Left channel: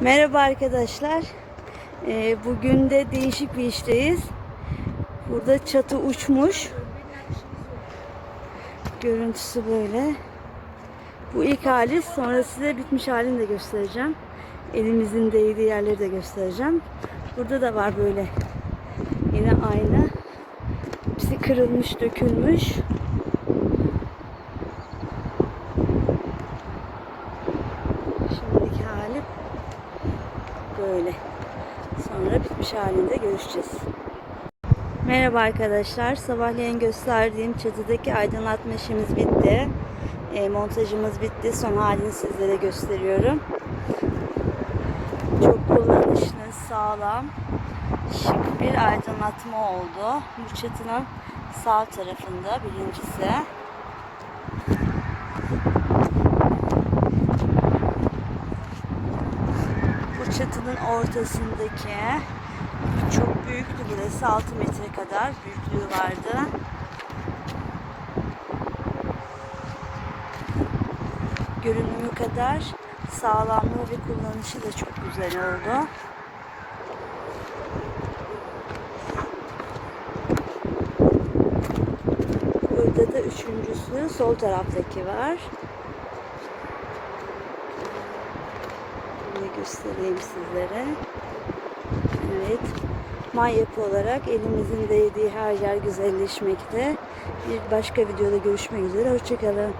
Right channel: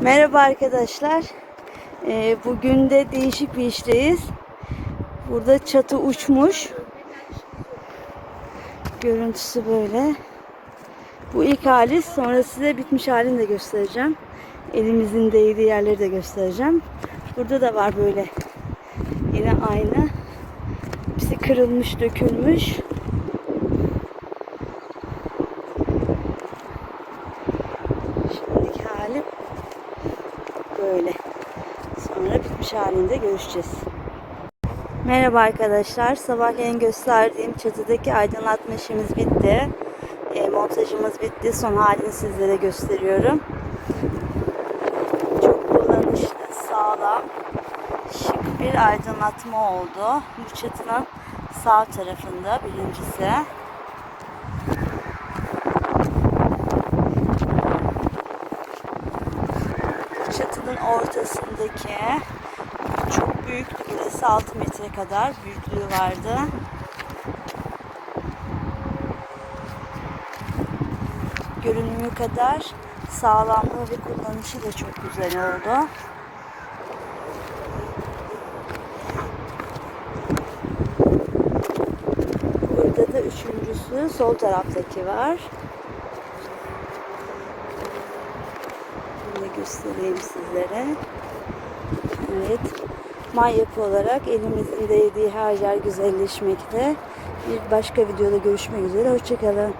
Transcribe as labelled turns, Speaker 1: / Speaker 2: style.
Speaker 1: Merhaba arkadaşlar. Ee, bugün de değişik bir işteyiz. Burada çatı uçmuş. Görüntüsü böyle. Bu ilk hali. Sonra size bitmiş halini de göstereceğim. Elimizin değdiği yerleri de göstereceğim. Burada da var böyle. Yine aynı. Hepsi kırılmış, dökülmüş. Şimdiki hali böyle. Sonra bitmiş halinde görüşeceğiz. Merhaba arkadaşlar. Sabahleyin gösterdiğim çatıdaki aydınlatma işimiz bitti. E, montajımız bitti. Son halini sizlere gösteriyorum. Çok kullanışlı, sağlam, şık bir aydınlatma oldu. Bu çatının sağ tarafında birincisi. Çatının ortasındaki çok büyüktü burası 6 metre kadar büyüklüğü vardı. Görünümü kadar sağlamlığı ve kullanışı da çok güzel oldu. Burada da üçüncüsü sol taraftaki var. Göstereyim sizlere. Evet. Manyak olarak elimizin değdiği her yer güzelleşmekte. Bir başka videoda görüşmek üzere. Hoşçakalın.